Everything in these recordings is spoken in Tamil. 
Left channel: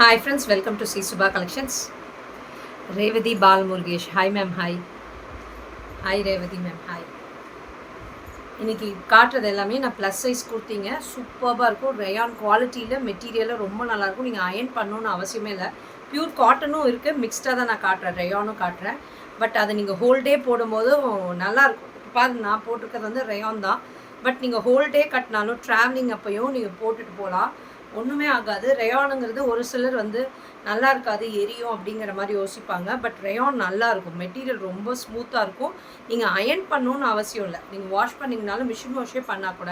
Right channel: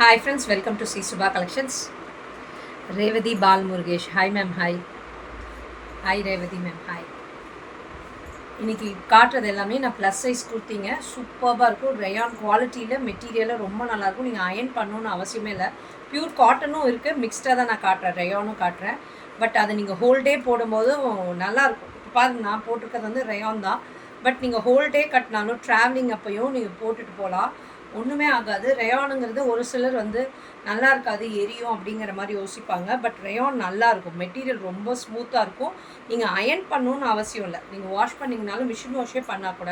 Hi friends, welcome to C Subha Collections. Revati Bal Murugesh. Hi ma'am, hi. Hi Revati ma'am, hi. இன்னைக்கு காட்டுறது எல்லாமே நான் ப்ளஸ் சைஸ் கொடுத்தீங்க. சூப்பராக இருக்கும். ரயான் குவாலிட்டியில் மெட்டீரியலில் ரொம்ப நல்லாயிருக்கும். நீங்கள் அயர்ன் பண்ணணுன்னு அவசியமே இல்லை. பியூர் காட்டனும் இருக்குது, மிக்ஸ்டாக தான் நான் காட்டுறேன். ரயானும் காட்டுறேன். பட் அதை நீங்கள் ஹோல் டே போடும்போதும் நல்லாயிருக்கும். இப்போ பாருங்க, நான் போட்டிருக்கிறது வந்து ரயான் தான். பட் நீங்கள் ஹோல் டே கட்டினாலும் ட்ராவலிங் அப்பையும் நீங்கள் போட்டுட்டு போகலாம். ஒன்றுமே ஆகாது. ரயானுங்கிறது ஒரு சிலர் வந்து நல்லா இருக்காது, எரியும் அப்படிங்கிற மாதிரி யோசிப்பாங்க. பட் ரயான் நல்லாயிருக்கும். மெட்டீரியல் ரொம்ப ஸ்மூத்தாக இருக்கும். நீங்கள் அயர்ன் பண்ணணுன்னு அவசியம் இல்லை. நீங்கள் வாஷ் பண்ணிங்கனாலும் மிஷின் வாஷே பண்ணால் கூட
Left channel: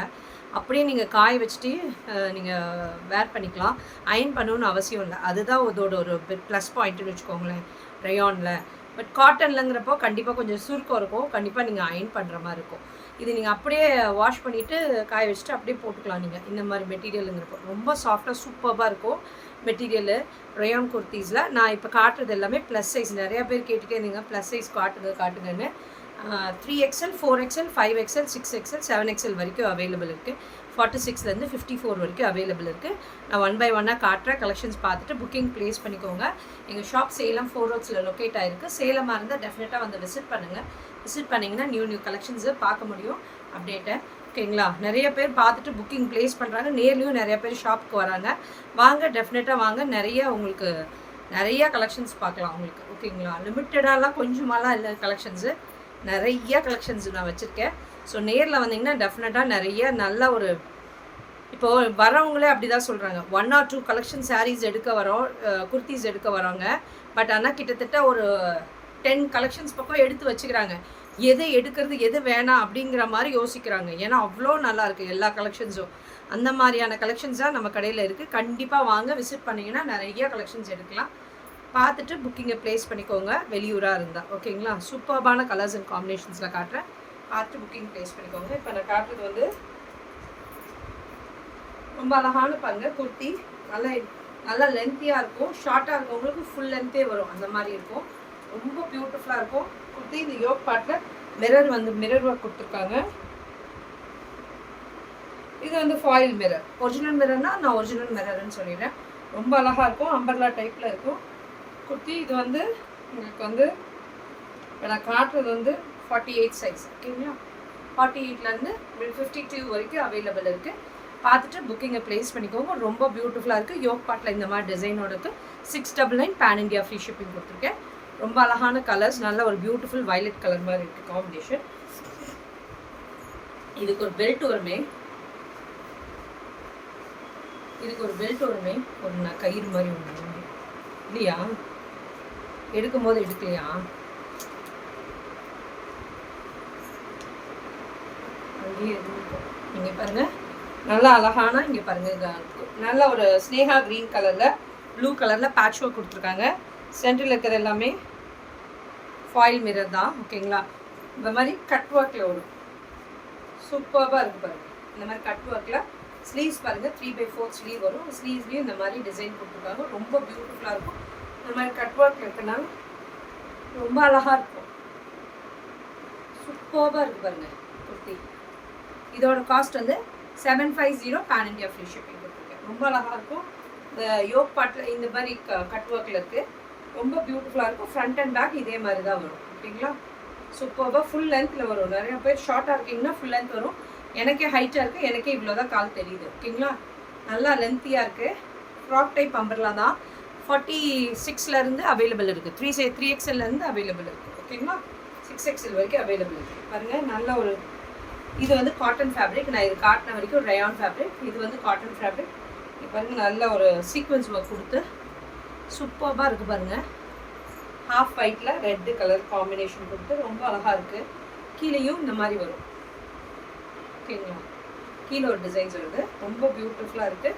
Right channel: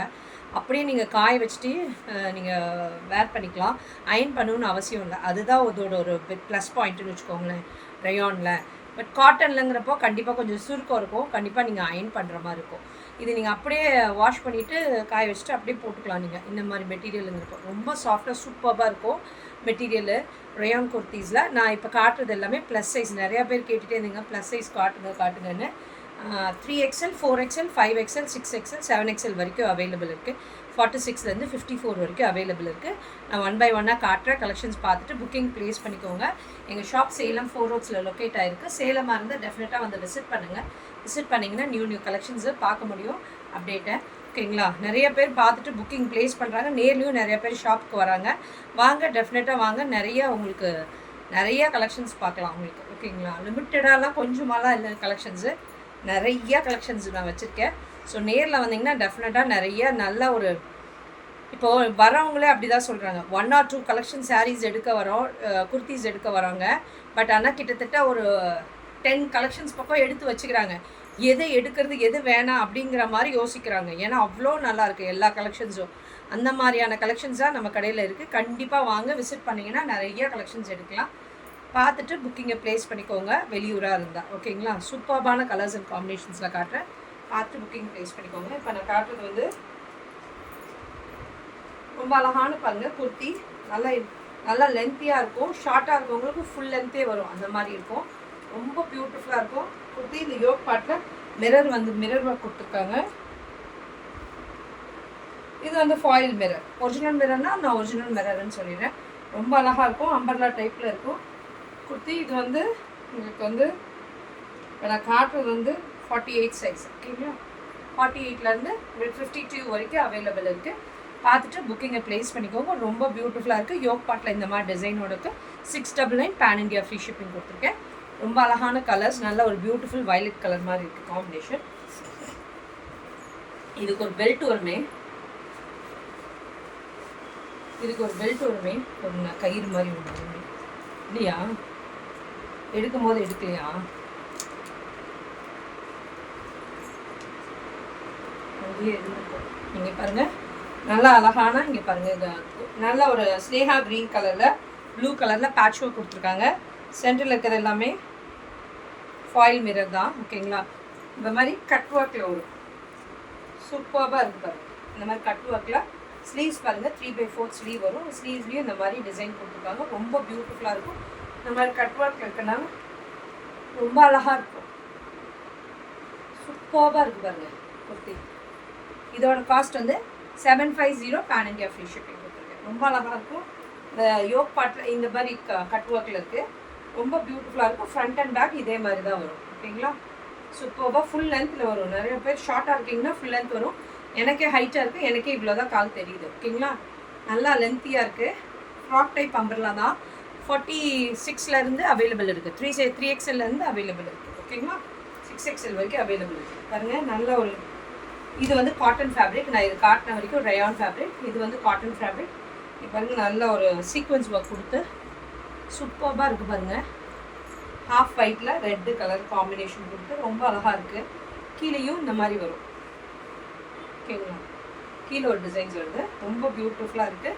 அப்படியே நீங்கள் காய வச்சுட்டு நீங்கள் வேர் பண்ணிக்கலாம். அயர்ன் பண்ணணுன்னு அவசியம் இல்லை. அதுதான் அதோட ஒரு ப்ளஸ் பாயிண்ட்டுன்னு வச்சுக்கோங்களேன் ரயானில். பட் காட்டன்லங்கிறப்போ கண்டிப்பாக கொஞ்சம் சுருக்கம் இருக்கும். கண்டிப்பாக நீங்கள் அயர்ன் பண்ணுற மாதிரி இருக்கும். இது நீங்கள் அப்படியே வாஷ் பண்ணிவிட்டு காய வச்சுட்டு அப்படியே போட்டுக்கலாம். நீங்கள் இந்த மாதிரி மெட்டீரியலுங்கிறப்போ ரொம்ப சாஃப்டாக சூப்பராக இருக்கும் மெட்டீரியலு ரயான் குர்த்தீஸில். நான் இப்போ காட்டுறது எல்லாமே ப்ளஸ் சைஸ். நிறையா பேர் கேட்டுகிட்டே இருந்தீங்க plus size காட்டுங்கன்னு. 3XL 4XL 5XL 6XL 7XL வரைக்கும் அவைலபிள் இருக்குது. 46லேருந்து 54 வரைக்கும் அவைலபிள் இருக்குது. நான் 1 by 1 காட்டுறேன். கலெக்ஷன்ஸ் பார்த்துட்டு புக்கிங் ப்ளேஸ் பண்ணிக்கோங்க. எங்கள் ஷாப் சேலம் 4 ரோட்ஸில் லொக்கேட் ஆகிருக்கு. சேலமாக இருந்தால் டெஃபினட்டாக வந்து விசிட் பண்ணுங்கள். விசிட் பண்ணிங்கன்னா நியூ கலெக்ஷன்ஸை பார்க்க முடியும், அப்டேட்டை. ஓகேங்களா? நிறைய பேர் பார்த்துட்டு புக்கிங் ப்ளேஸ் பண்ணுறாங்க. நேர்லேயும் நிறைய பேர் ஷாப்புக்கு வராங்க. வாங்க, டெஃபினட்டாக வாங்க. உங்களுக்கு நிறைய கலெக்ஷன்ஸ் பார்க்கலாம் உங்களுக்கு. ஓகேங்களா? லிமிட்டடாலாம் கொஞ்சமாலாம் இல்லை, கலெக்ஷன்ஸு நிறைய கலெக்ஷன்ஸ் நான் வச்சுருக்கேன். ஸோ நேரில் வந்தீங்கன்னா டெஃபினட்டாக நிறைய நல்ல ஒரு இப்போது வரவங்களே அப்படி தான் சொல்கிறாங்க. 1 or 2 கலெக்ஷன் சாரீஸ் எடுக்க வரோம், குர்த்திஸ் எடுக்க வரோங்க. பட் ஆனால் கிட்டத்தட்ட ஒரு 10 கலெக்ஷன்ஸ் பக்கம் எடுத்து வச்சுக்கிறாங்க. எதை எடுக்கிறது எது வேணாம் அப்படிங்கிற மாதிரி யோசிக்கிறாங்க. ஏன்னா அவ்வளோ நல்லாயிருக்கு எல்லா கலெக்ஷன்ஸும். அந்த மாதிரியான கலெக்ஷன்ஸ் தான் நம்ம கடையில் இருக்குது. கண்டிப்பாக வாங்க, விசிட் பண்ணிங்கன்னா நிறைய கலெக்ஷன்ஸ் எடுக்கலாம். பார்த்துட்டு புக்கிங்கை ப்ளேஸ் பண்ணிக்கோங்க, வெளியூராக இருந்தால். ஓகேங்களா? சூப்பர்பான கலர்ஸ் அண்ட் காம்பினேஷன்ஸில் காட்டுறேன். பார்த்து புக்கிங் ப்ளேஸ் பண்ணிக்கோங்க. இப்போ நான் காட்டுறது வந்து ரொம்ப அழகான பாருங்க குர்த்தி. நல்லா லென்த்தியாக இருக்கும். ஷார்ட்டாக இருக்கவங்களுக்கு ஃபுல் லென்த்தே வரும், அந்த மாதிரி இருக்கும். ரொம்ப பியூட்டிஃபுல்லாக இருக்கும் குர்த்தி. இந்த யோக் பார்ட்டில் மிரர் ஒர்க் கொடுத்துருக்காங்க. இது வந்து ஃபாயில் மிரர். ஒரிஜினல் மிரர்னால் நான் ஒரிஜினல் மிரர்ன்னு சொல்லிடுறேன். ரொம்ப அழகாக இருக்கும். அம்பர்லா டைப்பில் இருக்கும் குர்த்தி. இது வந்து உங்களுக்கு வந்து இப்போ நான் காட்டுறது வந்து 48 சைஸ். ஓகேங்களா? 48லேருந்து 52 வரைக்கும் அவைலபிள் இருக்குது. பார்த்துட்டு புக்கிங்கை ப்ளேஸ் பண்ணிக்கோங்க. ரொம்ப பியூட்டிஃபுல்லாக இருக்குது. யோக் பார்ட்டில் இந்த மாதிரி டிசைனோட இருக்குது. 699 பேன் இண்டியா ஃப்ரீ ஷிப்பிங் கொடுத்துருக்கேன். ரொம்ப அழகான கலர்ஸ். நல்ல ஒரு பியூட்டிஃபுல் வயலட் கலர் மாதிரி இருக்குது காம்பினேஷன். இதுக்கு ஒரு பெல்ட் வருமே, ஒரு கயிறு மாதிரி ஒன்று இல்லையா? எடுக்கும்போது எடுக்கலையா? அங்கேயே எடுக்கும். இங்கே பாருங்கள், நல்லா அழகான இங்கே பாருங்கள். இது நல்ல ஒரு ஸ்னேகா க்ரீன் கலரில் ப்ளூ கலரில் பேட்ச் ஒர்க் கொடுத்துருக்காங்க. சென்டரில் இருக்கிறது எல்லாமே ஃபாயில் மிரர் தான். ஓகேங்களா? இந்த மாதிரி கட் ஒர்க்கில் வரும். சூப்பராக இருக்குது பாருங்கள். இந்த மாதிரி கட் ஒர்க்கில் ஸ்லீவ்ஸ் பாருங்கள், 3/4 ஸ்லீவ் வரும். ஸ்லீவ்லேயும் இந்த மாதிரி டிசைன் கொடுத்துருக்காங்க. ரொம்ப பியூட்டிஃபுல்லாக இருக்கும். இந்த மாதிரி கட் ஒர்க் இருக்குன்னா ரொம்ப அழகாக இருக்கும். சூப்பராக இருக்குது பாருங்கள் குர்த்தி. இதோட காஸ்ட் வந்து 750 பேன் இண்டியா ஃப்ரீ ஷிப்பிங் கொடுத்துருக்கேன். ரொம்ப அழகாக இருக்கும். இந்த யோக் பார்ட்டில் இந்த மாதிரி கட் ஒர்க்கில் இருக்குது. ரொம்ப பியூட்டிஃபுல்லாக இருக்கும். ஃப்ரண்ட் அண்ட் பேக் இதே மாதிரி தான் வரும். ஓகேங்களா? சூப்பராக ஃபுல் லென்த்தில் வரும். நிறைய பேர் ஷார்ட்டாக இருக்கீங்கன்னா ஃபுல் லென்த் வரும். எனக்கே ஹைட்டாக இருக்குது. எனக்கே இவ்வளோ தான் கால் தெரியுது. ஓகேங்களா? நல்லா லென்த்தியாக இருக்குது. ஃப்ராக் டைப் அம்பர்லா தான். 46லேருந்து அவைலபிள் இருக்குது. 3XLலேருந்து அவைலபிள் இருக்குது. ஓகேங்களா? 6XL வரைக்கும் அவைலபிள் இருக்குது. பாருங்கள், நல்ல ஒரு இது வந்து காட்டன் ஃபேப்ரிக். நான் இது காட்டின வரைக்கும் ரயான் ஃபேப்ரிக். இது வந்து காட்டன் ஃபேப்ரிக். இது பாருங்கள், நல்ல ஒரு சீக்வன்ஸ் ஒர்க் கொடுத்து சூப்பராக இருக்குது பாருங்கள். ஹாஃப் ஒயிட்டில் ரெட்டு கலர் காம்பினேஷன் கொடுத்து ரொம்ப அழகாக இருக்குது. கீழேயும் இந்த மாதிரி வரும். ஓகேங்களா? கீழே ஒரு டிசைன்ஸ் வருது. ரொம்ப பியூட்டிஃபுல்லாக இருக்குது.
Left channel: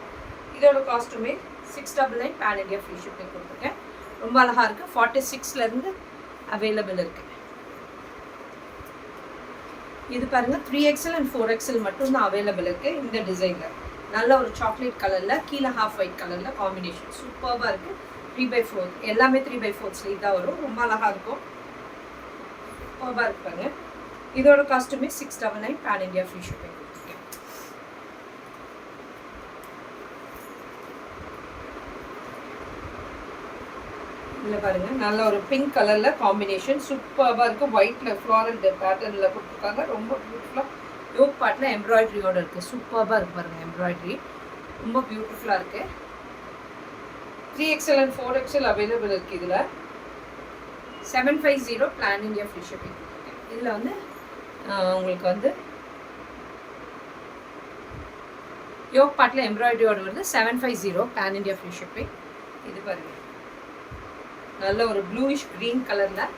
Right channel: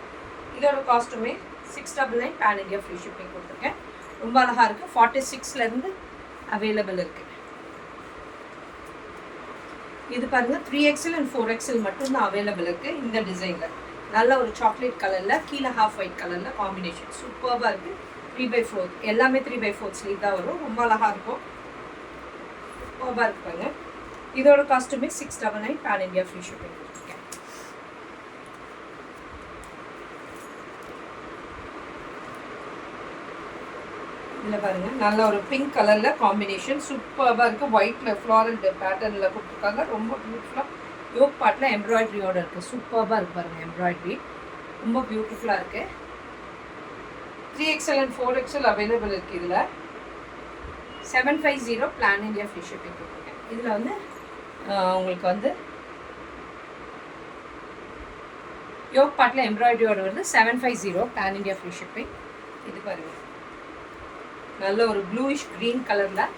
இதோட காஸ்ட்டுமே 699 பேன் இண்டியா ஃப்ரீ ஷிப்பிங் கொடுத்துருக்கேன். ரொம்ப அழகாக இருக்குது. 46லேருந்து அவைலபிள் இருக்குது. இது பாருங்கள், 3XL அண்ட் 4XL மட்டும்தான் அவைலபிள் இருக்குது இந்த டிசைனில். நல்ல ஒரு சாக்லேட் கலரில் கீழே ஹாஃப் ஒயிட் கலரில் காம்பினேஷன் சூப்பராக இருக்குது. 3/4 எல்லாமே 3/4 ஸ்லீவ் தான் வரும். ரொம்ப அழகாக இருக்கும். சூப்பராக இருப்பாங்க. இதோட காஸ்ட்டுமே 699 பேன் இண்டியா ஃப்ரீ ஷிப்பிங் கொடுத்துருக்கேன். இதில் பாருங்கள் நல்ல ஒரு பிங்க் கலரில் காம்பினேஷன் சூப்பராக இருக்குது. ஒயிட்டில் ஃப்ளாரல் பேட்டர்னில் கொடுத்துருக்காங்க. ரொம்ப பியூட்டிஃபுல்லாக யோக் பார்ட்டில் எம்ப்ராய்டரியோடு இருக்குது. சூப்பராக இருக்குது பாருங்கள். எம்ப்ராய்டரி ரொம்ப பியூட்டிஃபுல்லாக இருக்குது. 3XL and 4XL அவைலபிள் இருக்குது. இதில் 750 பிளான் இந்தியா ஃப்ரீ ஷிப்பிங் கொடுத்துருக்கேன். இதில் வந்து உங்களுக்கு வந்து யோக் பார்ட்டில் எம்ப்ராய்டரியோடு வருது. 750 பிளான் இந்தியா ஃப்ரீ ஷிப்பிங். இது பாருங்கள் நல்ல ஒரு ப்ளூயிஷ் க்ரீன் கலரில்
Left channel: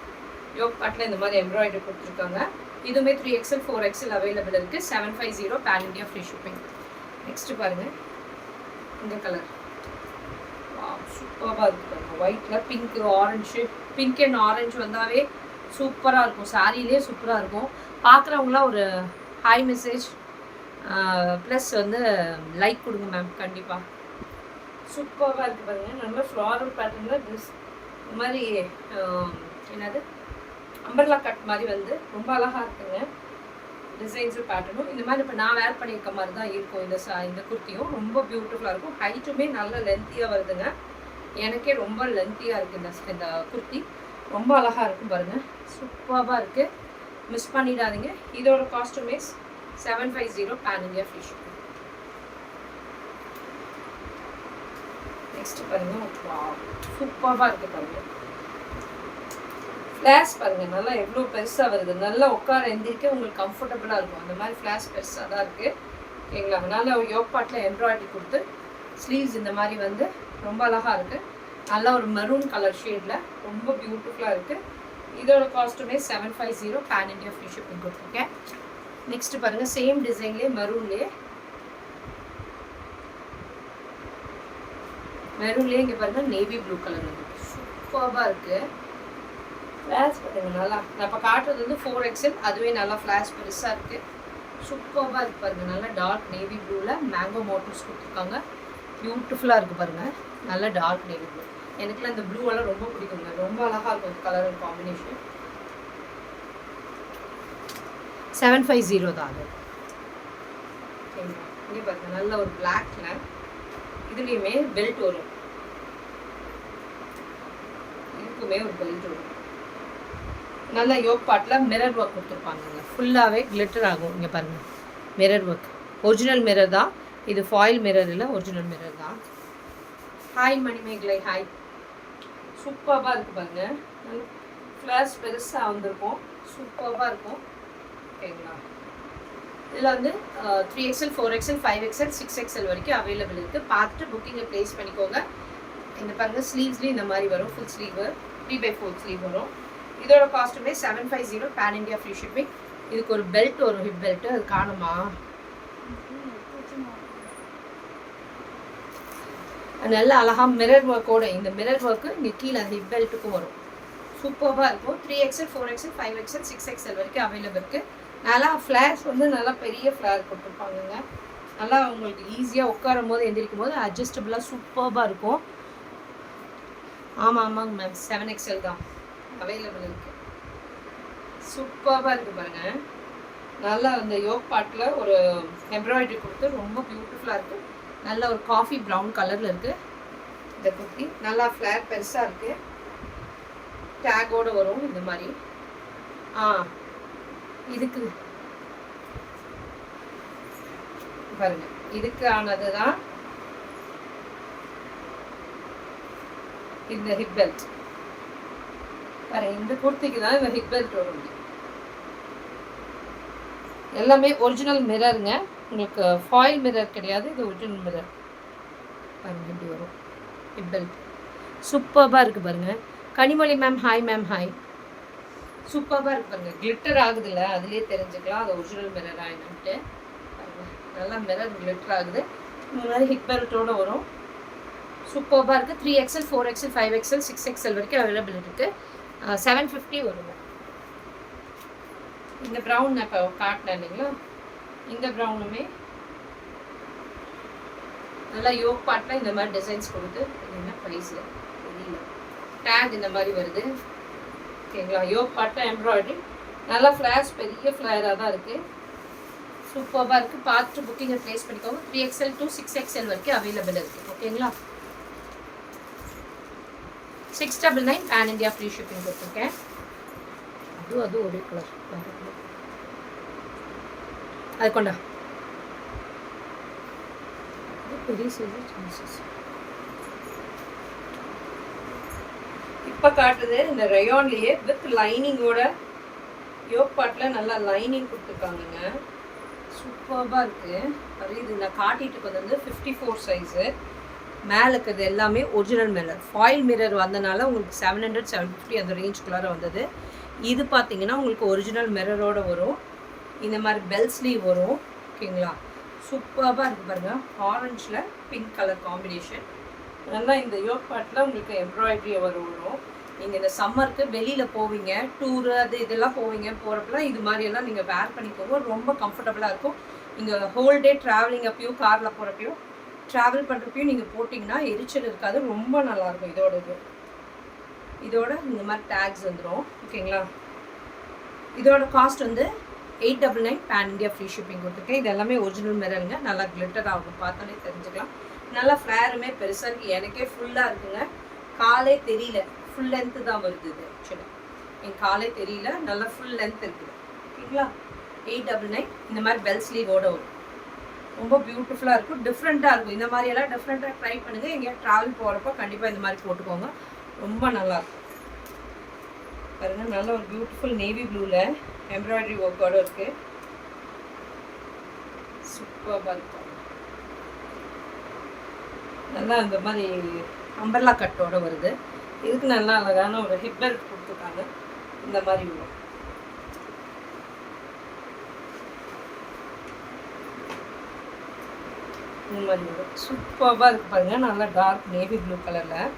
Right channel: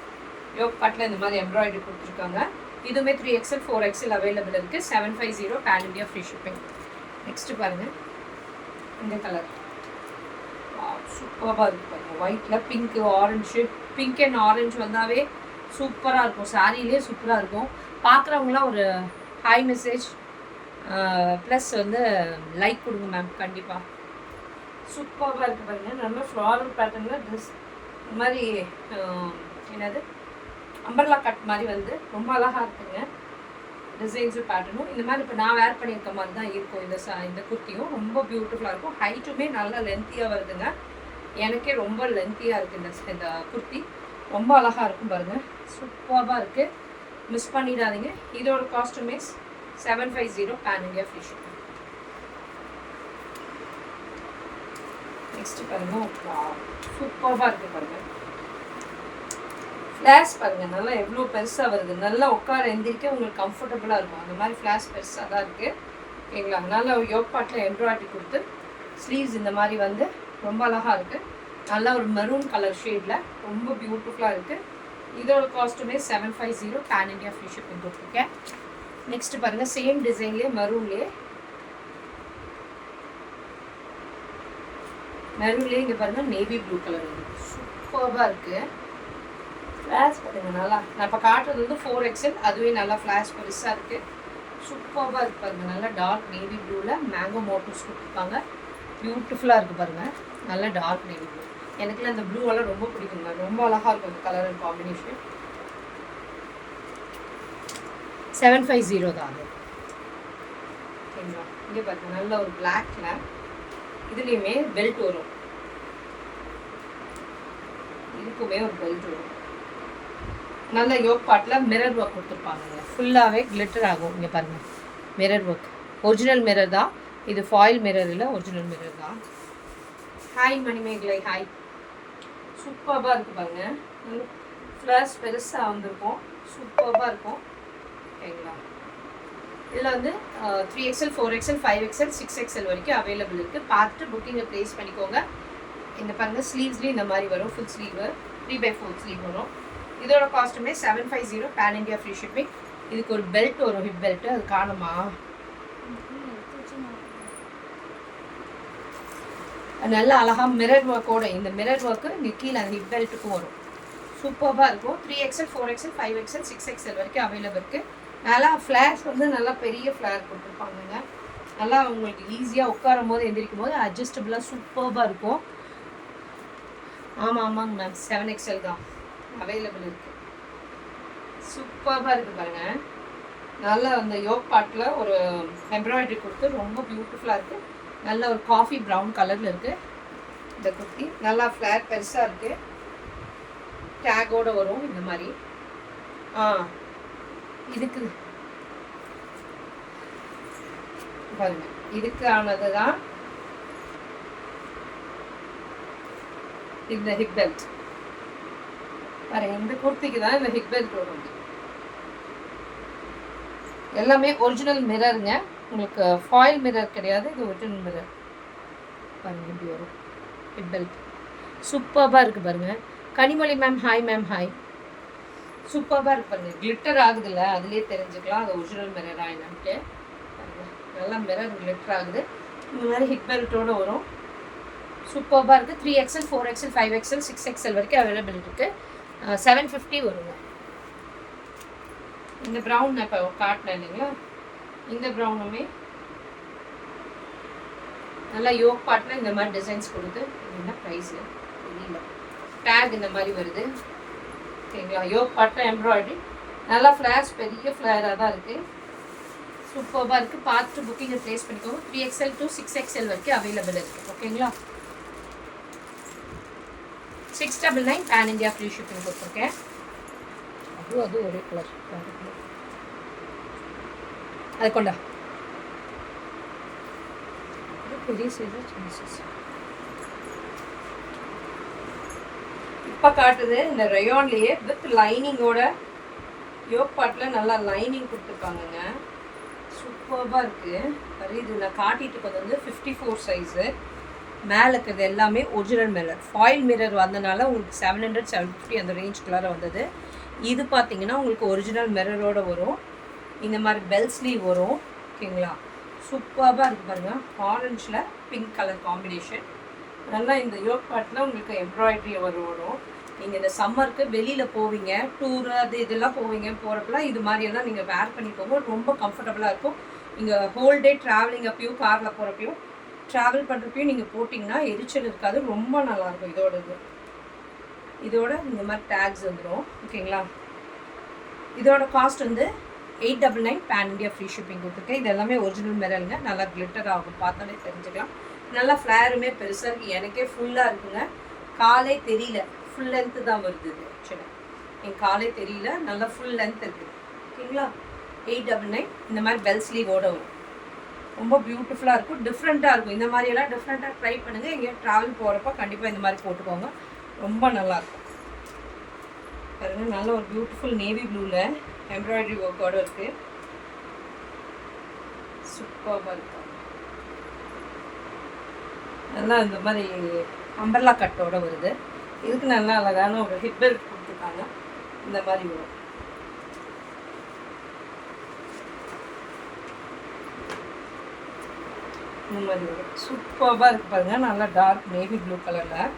யோக் பார்ட்டில் இந்த மாதிரி எம்ப்ராய்டரி கொடுத்துருக்காங்க. இதுவுமே 3XL 4XL அவைலபிள் இருக்குது. 750 pan India free shipping. Next பாருங்கள் இந்த கலர் சூப்பராக இருக்குது பாருங்கள். ஒயிட்டில் pink orange, pink and orange வந்தாவே சூப்பராக இருக்கும். சாரிலே சூப்பராக இருக்கும். பார்க்குறவங்களாம் ஒரு ஹாய் மெசேஜ் ப்ளஸ் வந்து லைக் கொடுங்க மேம். கண்டிப்பாக சூப்பராக இருக்குது பாருங்கள். நல்ல ஃப்ளாரல் பேட்டர்னில் ட்ரெஸ் இந்த மாதிரி என்னது அம்பர்லா கட் மாதிரி வந்து ரொம்ப அழகாக இருக்குங்க. டிசைன்ஸும் பேட்டர்னும் இந்த மாதிரி இப்போ நான் வேர் பண்ணியிருக்க மாதிரி தான் இருக்கும். இந்த குர்த்தியும் ரொம்ப பியூட்டிஃபுல்லாக இருக்கும். ஹைட்டுமே நல்லா லென்த்தியாக வருதுங்க. எனக்கே ரொம்ப லென்த்தியாக இருக்குது இந்த குர்த்தி. ரொம்ப அழகாக இருக்கும் பாருங்கள். சூப்பராக இருக்குது. மிஸ் பண்ணிடாதீங்க. இதோட காஸ்ட்டுமே 750 pan India free shipping. Next பாருங்கள் சூப்பராக இருக்குது பாருங்கள். ஃப்ளாஷ் பாருங்கள் நல்லா எவ்வளோ பெருசாக வருது. நல்லா உட்கார எந்திரிக்க உங்களுக்கு கம்ஃபர்டபுளாக இருக்கும். அந்த மாதிரி ஃப்ளாஷ் பெருசாக தான் இருக்குது. ஓகேங்களா? நல்லா யோக் பார்ட்டில் எம்ப்ராய்டரி கொடுத்து ஸ்லீவ்ஸ் இந்த மாதிரி வந்து ரொம்ப அழகாக இருக்குது. நல்லா ஒரு மெரூன் கலர் ஷேடில் ரொம்ப பியூட்டிஃபுல்லாக இருக்குது. இதோட காஸ்ட்டுமே 750 பேன் இந்தியா ஃப்ரீ ஷிப்பிங் கொடுத்துருக்கேன். நெக்ஸ்ட்டு பாருங்கள் சேம் டிசைன்லேயே மெரூன்லேயே இங்கே பாருங்கள் நேவி ப்ளூ கலர் வந்து சூப்பராக இருக்குது. ஃப்ளாஷ் பாருங்கள் நல்லா. நான் இப்போ காட்டுறது வந்து 4XL. அதுவே நல்லா ஃப்ளாஷ் பெருசாக இருக்குது. சூப்பராக இருக்குது பாருங்கள். நல்லா டார்க் நேவி ப்ளூவில் மேங்கோ மோட்டிவ்ஸ் கொடுத்துருக்காங்க. பியூட்டிஃபுல்லாக இருக்குது பாருங்கள். நல்லா டார்க் நேவி ப்ளூ. எனக்குலாம் இந்த ப்ளூவெல்லாம் ரொம்ப பிடிக்குங்க. ரொம்ப அழகாக இருக்கும் கலர் காம்பினேஷன். 750 தான் அது. ஓகேங்களா? இங்கே பாருங்கள் நல்ல ஒரு பிளாக்ல இதுலேயுமே பெல்ட் வரும். இதுக்குமே ஒரு பெல்ட் வரும். நல்லா யோக் பார்ட்டில் மிரர் ஒர்க் கொடுத்துருப்பாங்க. ஃபுல்லாகவே கிளிட்டர் ஆகும். இங்கே பாருங்கள் மிரர் ஒர்க். ஒரிஜினல் மிரர் தான் இது. ஃபாயில் மிரர் இல்லை, ஒரிஜினல் மிரர் தான். Hi Manimegalai hi. சூப்பராக இருக்குது பாருங்கள். நல்ல ஃப்ளாஷ் பெருசாக வந்திருக்கும். சூப்பராக இருக்கும். ஓகேங்களா? இதில் வந்து 3XL 4XL 5XL 6XL வரைக்கும் அவைலபிள் இருக்குது. பார்த்துட்டு புக்கிங்கை ப்ளேஸ் பண்ணிக்கோங்க. இந்த பாருங்கள் ஸ்லீவ்ஸ்லேயும் இந்த மாதிரி வரும். ஃபுல் ஸ்லீவு 3/4 ஸ்லீவ் வரும். இதோட காஸ்ட்டுமே 750 பேன் இந்தியா ஃப்ரீ ஷிப்பிங். இதுக்கு ஒரு பெல்ட் வரும், ஹிப் பெல்ட்டு. அது காணுமா? நல்ல அழகாக மிரர் ஒர்க்கோட இந்த மிரர் ஒர்க்கு இங்கே கீழே அந்த ஹிப் பெல்ட்டுக்கும் வரும். சூப்பராக இருக்கும். 3XL 4XL 5XL 6XL வரைக்கும் அவைலபிள் இருக்குது. நல்லா ஃப்ளார்ஸ் வந்து நல்லா பெரிய ஃப்ளார் கொடுத்துருப்பாங்கங்க. நல்லா உங்களுக்கு ஈஸியாக உட்காரும் போது எந்திரிக்கும் போது அட்ஜஸ்டபுளாக சூப்பராக இருக்கும். ஆமாங்க மேம் 7XL தான் அவைலபிள் இருக்குது. சூப்பராக இருக்குது பாருங்கள். நல்லா அந்த யோக் பார்ட்டில் ஒரு எம்ப்ராய்டரி கொடுத்து ரொம்ப பியூட்டிஃபுல்லாக இருக்குது. நல்ல ஒரு காஃபி ப்ரௌன் கலரில் இருக்குது இந்த குர்த்தி. நல்லா ஃப்ளார் பெருசாக இருக்குது. டேகோடு வரும் இந்த மாதிரி. இதுக்கு பாருங்க இதுக்கானது தான் இந்த ஹிப் பெல்ட். பாருங்க இந்த குர்த்திக்கு தான் இந்த ஹிப் பெல்ட் வரும். எல்லாமே ஒரிஜினல் மிரருங்க. உங்களுக்கு ஃபாயில் மிரர் கிடையாது. இது ஒரிஜினல் மிரர். பாருங்க இப்படி வரும் ஹிப் பெல்ட். சூப்பராக இருக்குது பாருங்கள். Kanimozhi ma'am hi ma'am hi. சூப்பராக இருக்குது பாருங்கள். கிளிட்டர் ஆகுதுல்ல, அதுலேயே தெரிஞ்சுக்கலாம் அது ஒரிஜினல் மிரரா என்னன்ட்டு. பாருங்கள் நல்லா மிரர் கிளிட்டர் ஆகுது. இந்த மாதிரி ஹிப் பெல்ட்டோடு வரும். சூப்பராக இருக்குது. 3XL 4XL 5XL 6XL வரைக்கும் அவைலபிள் இருக்குது. 750 வருங்க. இந்த ப்ரௌன் நான் இப்போ காட்டினேன் இல்லைங்களா, இந்த ப்ரௌனுமே நல்லா யோக் பார்ட்டில் இந்த மாதிரி டிசைன்ஸ் கொடுத்து என்ன ப்ரைஸில் தெரியல. டேக் இந்த மாதிரி வருது. ஓகேங்களா? யோக் பார்ட்டில் எம்ப்ராய்டரி நல்லா ஃப்ளாஷ் பெரிய ஃப்ளாராக தான் இருக்குது. சூப்பராக இருக்குது. பார்த்துட்டு புக்கிங்கை ப்ளேஸ் பண்ணிக்கோங்க. 3XL to 6XL வரைக்கும் அவைலபிள் இருக்குது. ஓகேங்களா? 699 பேன் இந்தியா ஃப்ரீ ஷிப்பிங் கொடுத்துருக்கேன். அது ஒரே கலர் அது கொண்டா பெரிய சைஸு சின்ன சைஸ். இப்போ காட்டுது இந்த ரயான்லேயே வித் லைனிங்கோட யோக் பாட்டில் நல்லா லைனிங் கொடுத்துருக்காங்கங்க. சூப்பராக இருக்குது. அது இது நான் காட்டிட்டு வந்து 54 சைஸு. மேலே இருக்கிறது எல்லாமே ஒரிஜினல் மிரர். ஃபாயில் மிரர் வந்தனால உங்களுக்கு 700 750 அந்த ரேஞ்சுக்குள்ளார வந்தது. இது பார்த்தீங்கன்னா உங்களுக்கு ஒரிஜினல் மிரரோடு வரும். இந்த மாதிரி பெல் ஸ்லீவ் வரும். ஓகேங்களா, சூப்பராக இருக்குது பாருங்கள். ஆரஞ்சில் பிங்க் கலர் காம்பினேஷன். நல்லா இந்த யோக் பாட்டில் உங்களுக்கு எம்ப்ராய்டரி வரும். நீங்கள் இந்த சம்மருக்கு வெளியில் போவீங்க, டூரு அது இதெல்லாம் போகிறப்பெல்லாம் இது மாதிரியெல்லாம் நீங்கள் வேர் பண்ணிக்கோங்க. ரொம்ப கம்ஃபர்டபுளாக இருக்கும். நீங்கள் ஹோல் டே ட்ராவலிங் அப்பையும் காரில் போகிறப்பையும் ட்ராவல் பண்ணுறப்பையும் நீங்கள் போட்டிங்கன்னா எரிச்சல் இருக்காது. ரொம்ப நல்லாயிருக்கும். இதோட இந்த மாதிரி டேக்ஸ் வந்துடும். ஓகேங்களா, இதோட காஸ்ட் வந்து 899 பேன் இந்தியா ஃப்ரீ ஷிப்பிங் கொடுத்துருக்கேன். இது எல்லாமே ஒரிஜினல் மிரருங்க. நல்லா கிளிட்டர் ஆகும், பார்த்தாலே தெரிஞ்சுக்கலாம். நல்லா ஃப்ளேருமே பெருசாக இருக்குது. எனக்கே ஃபுல்லாக இருக்குங்க. காலே தெரியல, ஃபுல் லென்த்து தான் வருது. இது ஆக்சுவலாக என் காலே தெரியல, நல்லா ஃபுல் லென்த் இருக்குது. ஓகேங்களா, 899. இந்த மாதிரி பெல் ஸ்லீவோடு வரும். ரொம்ப பியூட்டிஃபுல்லாக இருக்கும், டிஃப்ரெண்ட்டாக இருக்கும். இந்த மாதிரியெல்லாம் டிஃப்ரெண்ட்டாக ட்ரை பண்ணுங்கள். எங்கேயா ட்ராவல் போகிறப்போ கண்டிப்பாக இந்த மாதிரி போட்டுக்கோங்க. ரொம்ப நல்லாயிருக்கும் பாருங்கள். நல்ல ஒரு பியூட்டிஃபுல் நேவி ப்ளூவில் எம்ப்ராய்டரி ஒர்க்கோடு இருக்குது. சூப்பராக இருக்கும். நல்லா இந்த மாதிரி அம்பர்லா கட்டோட வருது. இதுக்கு நல்லா அழகான ஒரு ஹிப் பெல்ட் கொடுத்துருக்காங்க. இந்த மாதிரி வரும். இந்த மாதிரி வரும். சூப்பராக இருக்குது பாருங்கள். நல்லா டார்க் நேவி ப்ளூ கலரில்.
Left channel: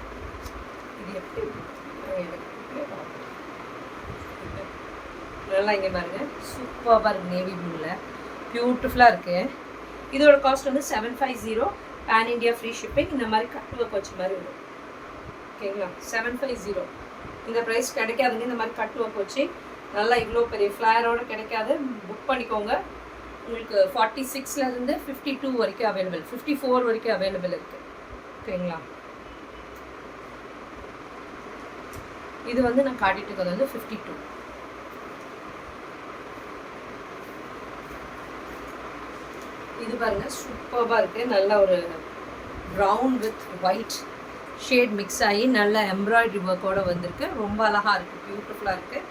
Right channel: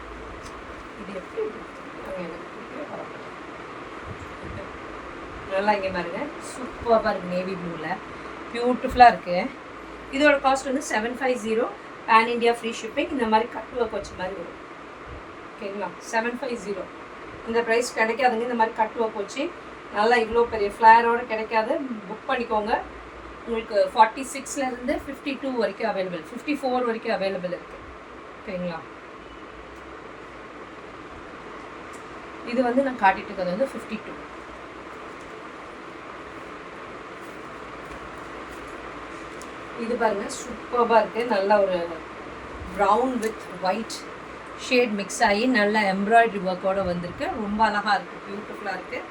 இது எப்படி நல்லா இங்கே பாருங்கள். சூப்பராக இருக்குது. நேவி ப்ளூவில் பியூட்டிஃபுல்லாக இருக்குது. இதோட காஸ்ட் வந்து 750 பேன் இந்தியா ஃப்ரீ ஷிப்பிங். இந்த மாதிரி கட் ஒர்க் வச்ச மாதிரி வரும். ஓகேங்களா, 750. இந்த ப்ரைஸ் கிடைக்காதுங்க. இந்த மாதிரி கட் ஒர்க் வச்சு நல்லா இவ்வளோ பெரிய ஃப்ளேரோடு கிடைக்காது. புக் பண்ணிக்கோங்க. உங்களுக்கு 46லேருந்து 52 வரைக்கும் அவைலபிள், 54 வரைக்கும் அவைலபிள் இருக்குது. ஓகேங்களா, இது வந்து நான் காட்டிட்டு இருக்கிறது வந்து 52. இது பாருங்கள், சூப்பராக இருக்குது. நல்ல ஒரு brown with white shade mix ஆகி நல்ல எம்ப்ராய்டரி ஒர்க்கோடு வந்திருக்கு. ரொம்ப அழகாக இருக்குது, பியூட்டிஃபுல்லாக இருக்குது.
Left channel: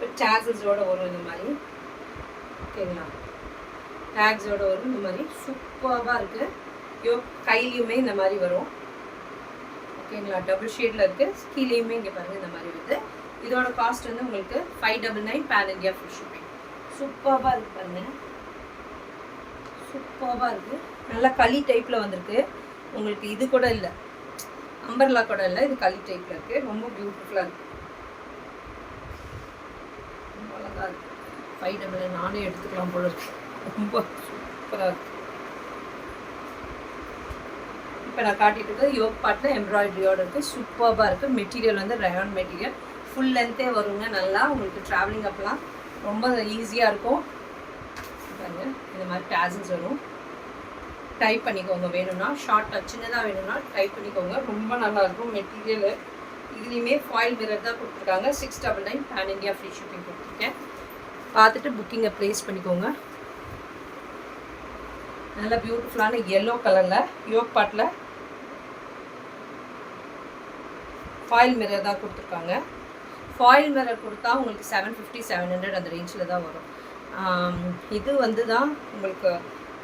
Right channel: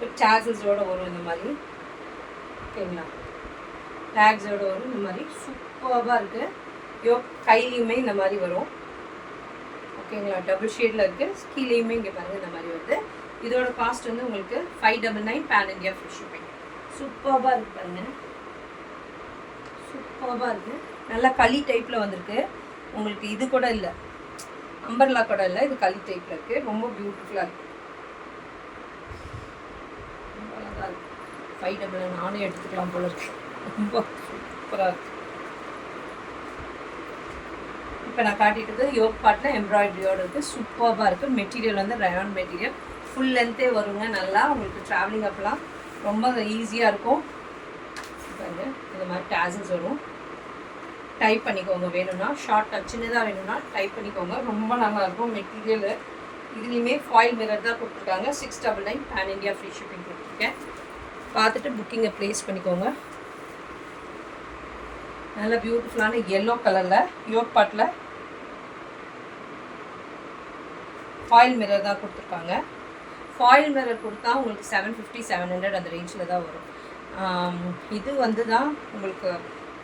வித் டேக்ஸோடு வரும் இந்த மாதிரி. ஓகேங்களா, டேக்ஸோடு வரும் இந்த மாதிரி. சூப்பராக இருக்குது. கையிலையுமே இந்த மாதிரி வரும். ஓகேங்களா, டபுள் ஷேடில் இருக்குது. கீழேயுமே இங்கே பாருங்கள் இந்த மாதிரி வருது. இதோட காஸ்ட் வந்து உங்களுக்கு 599 பேன் இந்தியா ஃப்ரீ ஷிப்பிங். சூப்பராக இருக்குது பாருங்கள். சூப்பராக இருக்குது. நல்லா களி டைப்பில் வந்திருக்கு. உங்களுக்கு இது கூட இல்லை, அம்பர்லா கூட இல்லை, இது களி டைப்பில் இருக்குது. ரொம்ப பியூட்டிஃபுல்லாக இருக்குது. ரொம்ப அழகாக இருக்குது. 599 நானே எடுத்துக்கலாம் போல இருக்குது. ரொம்ப சூப்பராக இருக்குது. இப்போ நான் காட்டிட்டு யோக் பாட்டில் எம்ப்ராய்டரியோடு இருக்குது. சூப்பராக இருக்குது. மெட்டீரியல் வந்து ரயான் மெட்டீரியல். ஃபுல் லென்த்தே வருங்க. நல்லா உங்களுக்கு ட்ராவலிங் அப்பெல்லாம் ரொம்ப ஈஸியாக இருக்கும். பாருங்க, இந்த மாதிரி டேசல்ஸ் வரும். டைப் பண்ணிக்கோங்க. வேணும்னா ஷார்ட்டாக சின்னதாக வேணும்னா டைப் பண்ணிக்கோங்க. ரொம்ப நல்லாயிருக்கும் மெட்டீரியல். இதுலேயுமே ஃபாயில் மிரர் தான் கொடுத்துருக்காங்க. 699 பேன் இந்தியா ஃப்ரீ ஷிப்பிங் கொடுத்துருக்கேன். பார்த்துட்டு புக்கிங்கை ப்ளேஸ் பண்ணிக்கோங்க. நல்ல பியூட்டிஃபுல்லான எல்லோ கலரில் யோக் பாட்டில் ஃபாயில் மிரர் தான் கொடுத்துருக்காங்க. ஃபாயில் மிரர் கொடுத்தா உங்களுக்கு 750 700 அந்த ரேஞ்சில் தான் வரும். இது வந்து தான் உங்களுக்கு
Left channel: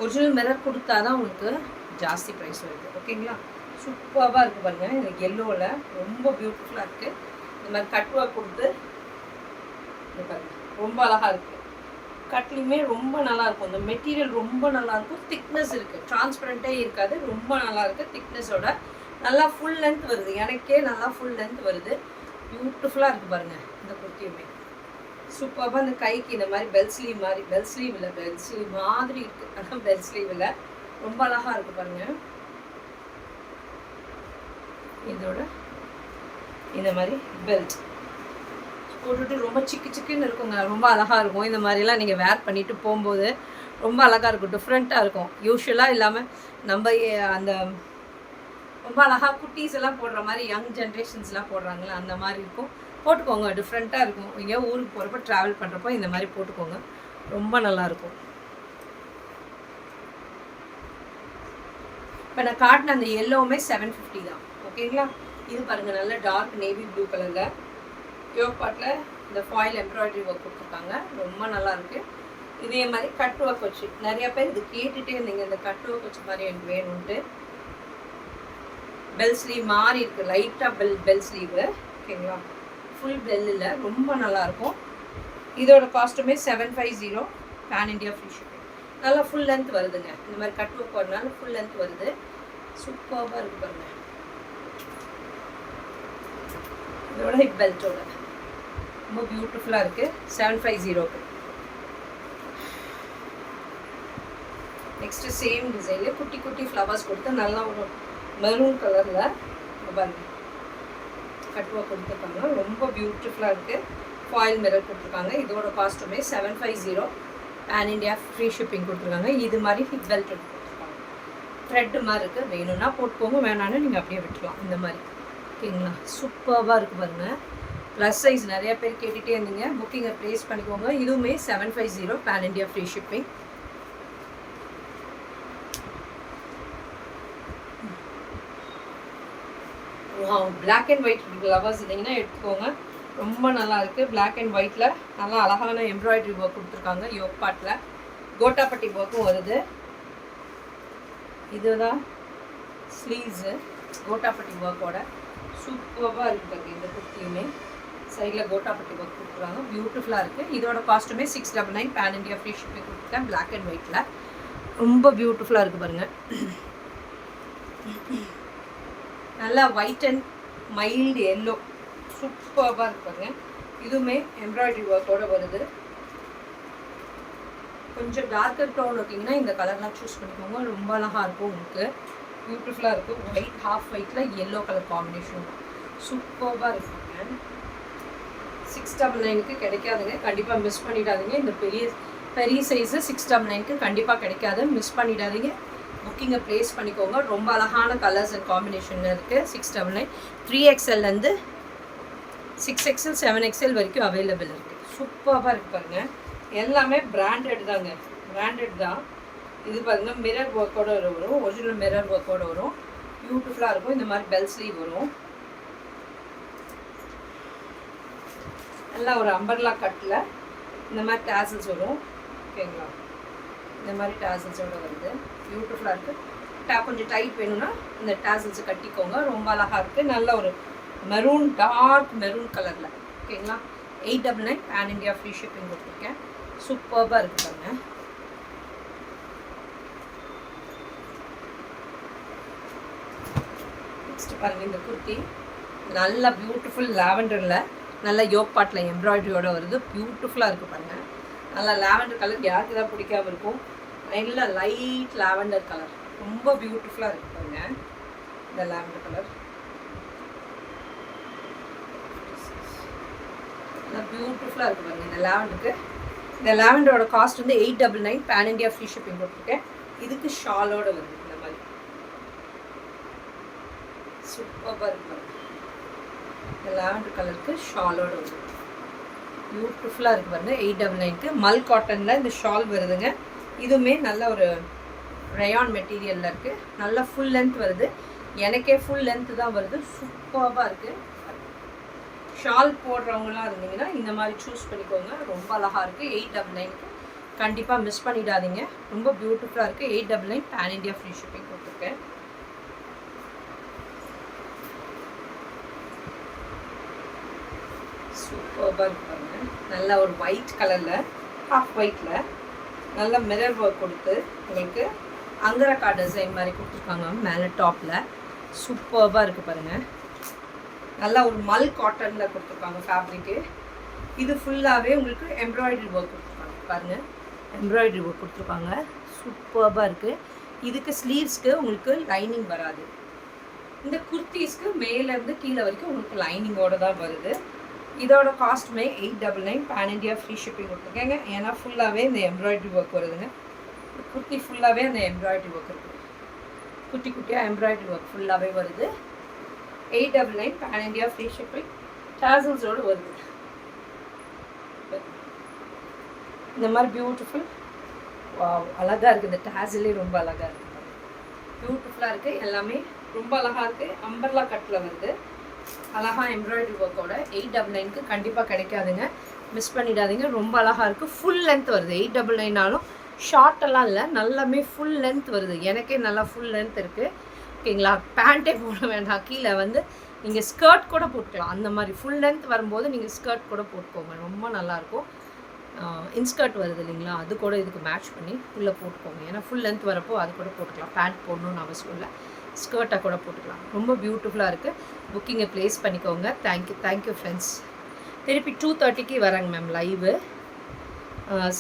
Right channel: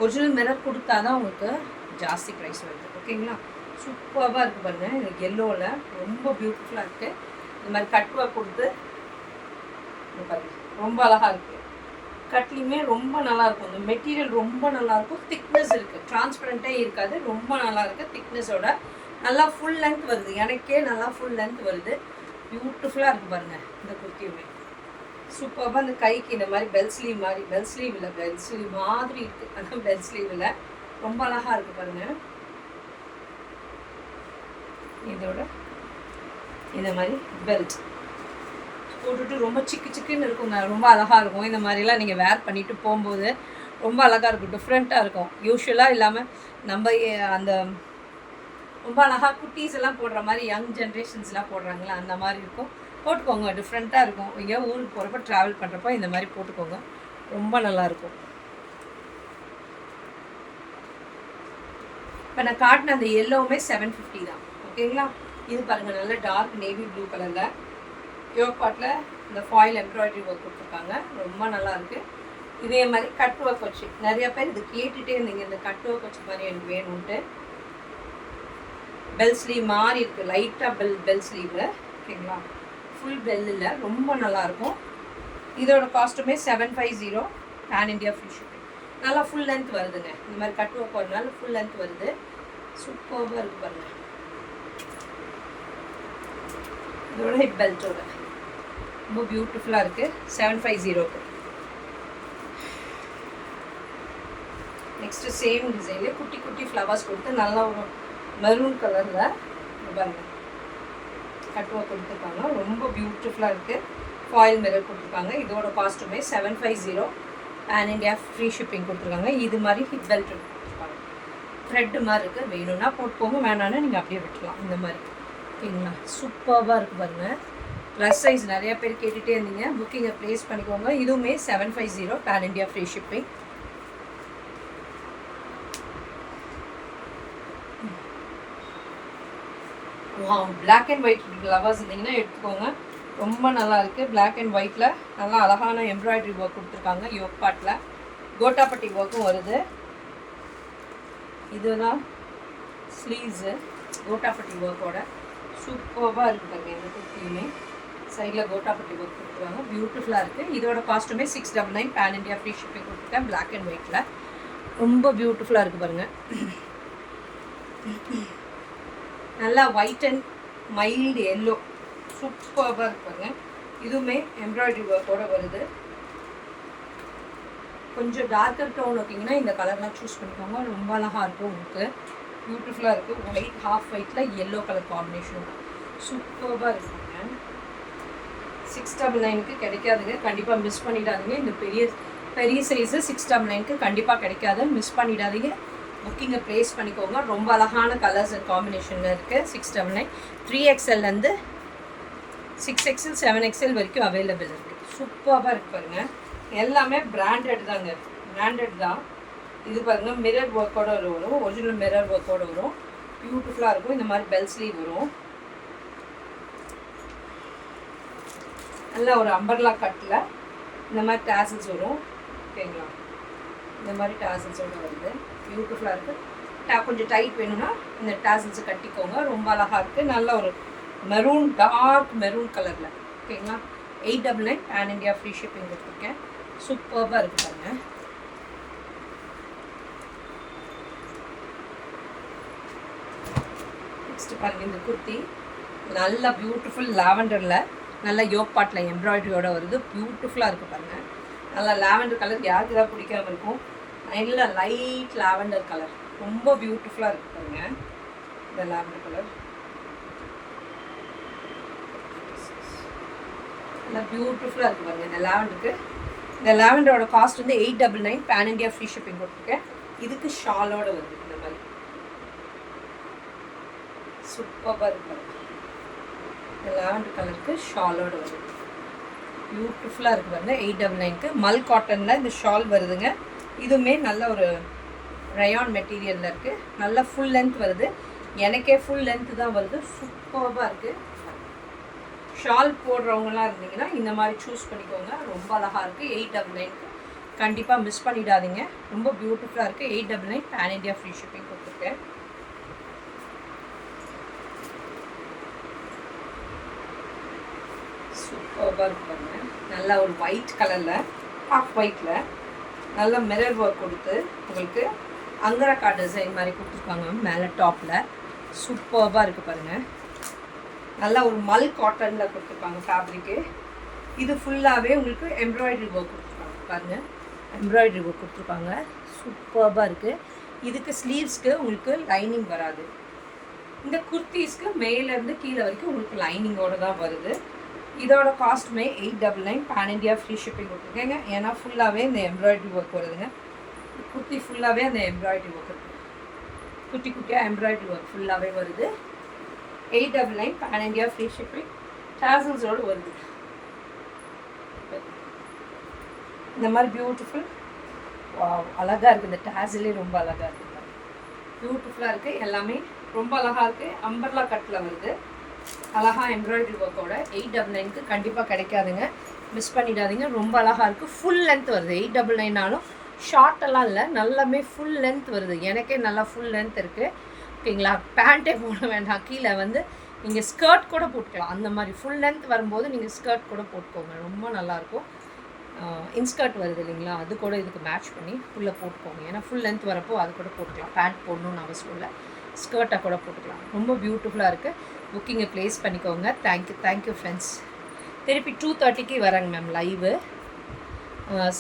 ஒரிஜினல் மிரர் கொடுத்தா தான் உங்களுக்கு ஜாஸ்தி ப்ரைஸ் வருது. ஓகேங்களா, சூப்பராக இருக்குது பாருங்கள். எனக்கு எல்லோவில் ரொம்ப பியூட்டிஃபுல்லாக இருக்குது. இந்த மாதிரி கட் ஒர்க் கொடுத்து பாருங்கள், ரொம்ப அழகாக இருக்குது. கட்லையுமே ரொம்ப நல்லாயிருக்கும். இந்த மெட்டீரியல் ரொம்ப நல்லாயிருக்கும். திக்னஸ் இருக்குது, டிரான்ஸ்பரண்ட்டே இருக்காது. ரொம்ப நல்லா இருக்குது. திக்னஸோட நல்லா ஃபுல் லென்த் வருது. எனக்கே நல்லா ஃபுல் லென்த் வருது. பியூட்டிஃபுல்லாக இருக்குது பாருங்கள். இந்த குர்த்தியுமே சூப்பராக. இந்த கைக்கு இந்த மாதிரி பெல் ஸ்லீவ் மாதிரி, பெல் ஸ்லீவ் இல்லை, பெல் ஸ்லீவ் மாதிரி இருக்குது. அதான் பெல் ஸ்லீவ் இல்லை. ரொம்ப அழகாக இருக்குது பாருங்கள். இதோட இந்த மாதிரி பெல்ட் போட்டுட்டு ரொம்ப சிக்கு சிக்குன்னு இருக்குங்க. ரொம்ப அழகாக இருக்கும். இந்த மாதிரிலாம் நீங்கள் வேர் பண்ணிவிட்டு போகும்போது ரொம்ப அழகாக இருக்கும். டிஃப்ரெண்ட்டாக இருக்கும். யூஸ்வலாக இல்லாமல் நம்ம அந்த ரொம்ப அழகாக குட்டீஸ் எல்லாம் போடுற மாதிரி யங் ஜென்ரேஷன்ஸ்லாம் போடுறாங்களா அந்த மாதிரி இருக்கும். போட்டுக்கோங்க, டிஃப்ரெண்ட்டாக இருக்கும். எங்கேயோ ஊருக்கு போகிறப்ப ட்ராவல் பண்ணுறப்போ இந்த மாதிரி போட்டுக்கோங்க, ரொம்ப நல்லாயிருக்கும். இப்போ நான் காட்டின அந்த எல்லோவுமே 750 தான். ஓகேங்களா? இது பாருங்கள், நல்ல டார்க் நேவி ப்ளூ கலரில் யோக் பாட்டில் இந்த ஃபாயில் எம்ப்ராய்டரி ஒர்க் கொடுத்துருக்காங்க, ரொம்ப நல்லாயிருக்கு. இதே மாதிரி கட் ஒர்க் வச்சு நிறையா பேர் இது கேட்டுகிட்டே இருந்தீங்க, இந்த கட் ஒர்க் வச்ச மாதிரி எனக்கு வேணும்ன்ட்டு. பெல் ஸ்லீவ் மாதிரி இருக்குது, லைட்டாக பெல் ஸ்லீவு. ஓகேங்களா? ஃபுல் பெல் இல்லை, ரொம்ப நல்லாயிருக்கும். இதோட காஸ்ட்டுமே 750, பேன் இண்டியா ஃப்ரீ ஷிப்பிங். நல்லா ஃபுல் லென்த் வருதுங்க, இந்த மாதிரி கட் ஒர்க் வரனால ஃபுல் லென்த் வருது, சூப்பராக இருக்குது பாருங்கள். இதோட ஹிப் பெல்ட்டோட ரொம்ப பியூட்டிஃபுல்லாக இருக்குது, 750க்கு. நெக்ஸ்ட்டு சேம் டிசைனில் குட்டி குட்டி ஃப்ளவர்ஸ் கொடுத்து நல்லா ஒரு மெரூன் கலரில் பாருங்கள் கட் ஒர்க் கொடுத்துருக்காங்க, ரொம்ப பியூட்டிஃபுல்லாக இருக்குது. ஃபாயில் மிரர் கொடுத்துருக்காங்க. இதோட காஸ்ட்டுமே 750, பேன் இண்டியா ஃப்ரீ ஷிப்பிங் கொடுத்துருக்காங்க. இது மாதிரி ஹிப் பெல்ட் கொடுத்துருக்காங்க, த்ரெட்டு மாதிரி இருக்குது. வேணும்னா போட்டுக்கோங்க, வேணான்னா நீங்கள் அப்படியே விட்டுக்கலாம் இந்த மாதிரி. ஓகேங்களா? சூப்பராக இருக்குது பாருங்கள். ப்ளஸ் சைஸ் நிறைய பேர் கேட்டுகிட்டே இருந்தீங்க, புக்கிங்கை ப்ளேஸ் பண்ணிக்கோங்க. இதுவுமே 750, pan India free shipping. Black and white lovers இருந்தீங்கன்னா எடுத்துக்கோங்க, ரொம்ப நல்லா இருக்குது. பிளாக் அண்ட் ஒயிட்டில் நல்லா அழகான எம்ப்ராய்டரி ஒர்க் கொடுத்துருக்காங்க. யோக் பாட்டில் கோட்டாப்பட்டி ஒர்க்கும் வருது. இதுதான் ஸ்லீவ்ஸு, கோட்டாப்பட்டி ஒர்க்கோட சூப்பராக இருக்குது பாருங்கள். இந்த குர்த்தியுமே சைடில் கோட்டாப்பட்டி ஒர்க் கொடுத்துருக்காங்க, பியூட்டிஃபுல்லாக இருக்குது. இதோட காஸ்ட்டுமே 699, பேன் இண்டியா ஃப்ரீ ஷிப்பிங் கொடுத்துருக்கேன். பிளாக் அண்ட் ஒயிட்டில் ரொம்ப பியூட்டிஃபுல்லாக இருக்குது பாருங்கள். நல்லா ஒயிட் அண்ட் மைல்டு எல்லோ, சூப்பராக இருப்பாங்க. இதுவுமே எம்ப்ராய்டரி ஒர்க்கோடு வருது. கொஞ்சம் டார்க்கர் டோன் ஓகேங்கன்னா இந்த கலர்லாம் சூஸ் பண்ணிக்கோங்க, ரொம்ப அழகாக இருக்கும். உங்களுக்கு பியூட்டிஃபுல்லாக இருக்குது. ஒயிட் ஹாஃப் ஒயிட்டில் எல்லோ கலர் காம்பினேஷன் சூப்பராக இருக்குங்க. 699க்கு கிடைக்காதுங்க, கண்டிப்பாக மிஸ் பண்ணிடாதீங்க. இந்த பெரிய சைஸு 699க்கு கண்டிப்பாக கிடைக்காது, மிஸ் பண்ணிடாதீங்க. புக்கிங்கை ப்ளேஸ் பண்ணிக்கோங்க. ரொம்ப அழகான கலர்ஸ் அண்ட் காம்பினேஷனில் இருக்குது. 699, 3XLலேருந்து 6XL 7XL வரைக்கும் அவைலபிள் இருக்குது. சூப்பராக இருக்குது பாருங்கள். எல்லாமே பிராண்டட் தாங்க, பிராண்டட் தான். இது பாருங்கள், மிரர் ஒர்க்கோடு வரும், ஒரிஜினல் மிரர் ஒர்க்கோடு வரும், பியூட்டிஃபுல்லாக இருக்கும். இந்த மாதிரி பெல் ஸ்லீவ் வரும், நல்லா ஒரு அம்பர்லா கட்டில் இந்த மாதிரி டேசல்ஸ் வரும். ஓகேங்களா? இந்த மாதிரி டேசல்ஸோடு வருது, பியூட்டிஃபுல்லாக இருக்குது. கொஞ்சம் டைட் வேணும்னா இந்த டேசல்ஸை கட்டிக்கோங்க, ரொம்ப அழகாக இருக்குது. நல்ல ஒரு மெரூன், டார்க் மெரூன் கலரில். ஓகேங்களா? 899, பேன் இண்டியா ஃப்ரீ ஷிப்பிங் கொடுத்துருக்கேன். சூப்பராக இருக்குது பாருங்கள். நெக்ஸ்ட்டு பாருங்கள், இந்த குர்த்தி நல்லா பியூட்டிஃபுல் லாவெண்டரில் நல்ல யோக் பாட்டில் எம்ப்ராய்டரியோடு வருது, பியூட்டிஃபுல்லாக இருக்குது பாருங்கள். நல்லா லாவெண்டர் கலர் யாருக்கு தான் பிடிக்காமல் இருக்கும், நல்ல லைட் லாவெண்டர் கலர், ரொம்ப பியூட்டிஃபுல்லாக இருக்குது பாருங்கள். இந்த லாவெண்டர் கலர் நல்லா பியூட்டிஃபுல்லாக இருக்குது பாருங்கள். இந்த லாவெண்டருக்கு, இந்த லாவெண்டரோட காஸ்ட் வந்து 899, பேன் இண்டியா ஃப்ரீ ஷிப்பிங் கொடுத்துருக்கேன். இதுக்கு ஷாலோடு வருது இந்த மாதிரி, சூப்பராக இருக்குது. இந்த லாவெண்டர் கலருக்கு ஷாலோடு வருது, பியூட்டிஃபுல்லாக இருக்குது பாருங்கள். 899க்கு மல் காட்டனில் இந்த ஷால் வருதுங்க. இதுவுமே நல்ல ஒரு ரயான் மெட்டீரியலில் இருக்குது, நல்லா ஃபுல் லென்த் வருது. எனக்கே ஃபுல் லென்த்து தான் வருது, சூப்பராக இருக்குது. ஷால் போடுறவங்களாம் இருந்தீங்கன்னா இந்த மாதிரி சூஸ் பண்ணிக்கோங்க, ரொம்ப அழகாக இருக்குது. 899க்கு கண்டிப்பாக மிஸ் பண்ணிடாதீங்க, ரொம்ப பியூட்டிஃபுல்லாக இருக்குது. 899, பேன் இண்டியா ஃப்ரீ ஷிப்பிங் கொடுத்துருக்கேன். சூப்பராக இருக்கு பாருங்க. நல்லா ஒரு ஒயிட் கலரில், ஹாஃப் ஒயிட்டில் நல்லா மிரர் ஒர்க் கொடுத்து உங்களுக்கு அங்கரக்கா டிசைன் மாதிரி கொடுத்துருக்காங்க மேலே டாப்பில், சூப்பராக இருக்குது பாருங்கள். நல்லா ஒரு மல் காட்டனில் கொடுத்துருக்காங்க ஃபேப்ரிக்கு. இது ஃபுல்லாகவே உங்களுக்கு எம்ப்ராய்டரி ஒர்க் கொடுத்துருக்காங்க பாருங்கள், எம்ப்ராய்டரி ஒர்க் கொடுத்துருக்காங்க, சூப்பராக இருக்குது. இதுக்கு ஸ்லீவ்ஸ்க்கு உங்களுக்கு லைனிங் வராது. இந்த குர்த்திஸ்க்கு மேலேருந்து கீழே வரைக்கும் உங்களுக்கு லைனிங்கோடு தான் வருது. இதோட காஸ்ட்டுமே 899, பேன் இண்டியா ஃப்ரீ ஷிப்பிங் கொடுத்துருக்கேங்க. ஏன்னா ஃபுல்லாகவே இந்த எம்ப்ராய்டரி ஒர்க் வருதுங்க. குர்த்தி ஃபுல்லாகவே அந்த எம்ப்ராய்டரி ஒர்க் இருக்குது. குட்டி குட்டியாக எம்ப்ராய்டரி ஒர்க் ஃபுல்லாகவே வருது. 899 பேன் இண்டியா ஃப்ரீ ஷிப்பிங் டாசல்ஸோடு வருது. இந்த மாதிரி பியூட்டிஃபுல் அழகாக இருக்குது. இந்த டாசலே ரொம்ப அழகாக இருக்குது, பியூட்டிஃபுல்லாக இருக்குது. எல்லாமே ரொம்ப அழகாக இருக்குது. அம்பர்லா கட்டில் வருது, அழகாக எம்ப்ராய்டரி ஒர்க்கோட. 899க்கு கண்டிப்பாக கிடைக்காதுங்க, மிஸ் பண்ணிடாதீங்க. ரொம்ப அழகாக இருக்குது. ஃபுல் லென்த் வருது. 899ஆலும் ஷார்ட்டெல்லாம் இல்லை, நல்லாமே ஃபுல் லென்த் வருது. எனக்கே நல்லா ஃபுல் லென்த் இருக்குது. ஓகேங்களா? பேண்ட்டே போட வேண்டாம், கீழே வந்து நீங்கள் ஸ்கர்ட் கூட போட்டுக்கலாம். அந்த மாதிரி ஃபுல் லென்த் வரும்போது நீங்கள் ஸ்கர்ட் கூட போட்டுக்கோங்க, ரொம்ப நல்லாயிருக்கும். இன்ஸ்கர்ட் வருது இல்லைங்களா, அது கூட இதுக்கு மேட்ச் பண்ணி உள்ளே போட்டுக்கோங்க. ஏன்னா ஃபுல் லென்த் வரப்போ அது கூட போட்டுக்கலாம். பேண்ட் போடணுன்னு அவசியம் இல்லை, ஸ்கர்ட்டாக கூட போட்டுக்கலாம். ரொம்ப பியூட்டிஃபுல்லாக இருக்குது. புக்கிங்கை ப்ளேஸ் பண்ணிக்கோங்க. Thank you friends. திருப்பி 2:30க்கு வராங்க மேம் லைவு.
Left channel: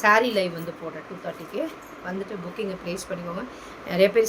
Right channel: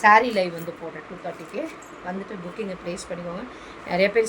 சாரீ லைவ் வந்து போடுறேன் 2:30க்கு. வந்துட்டு புக்கிங்கை ப்ளேஸ் பண்ணிக்கோங்க. நிறைய பேர்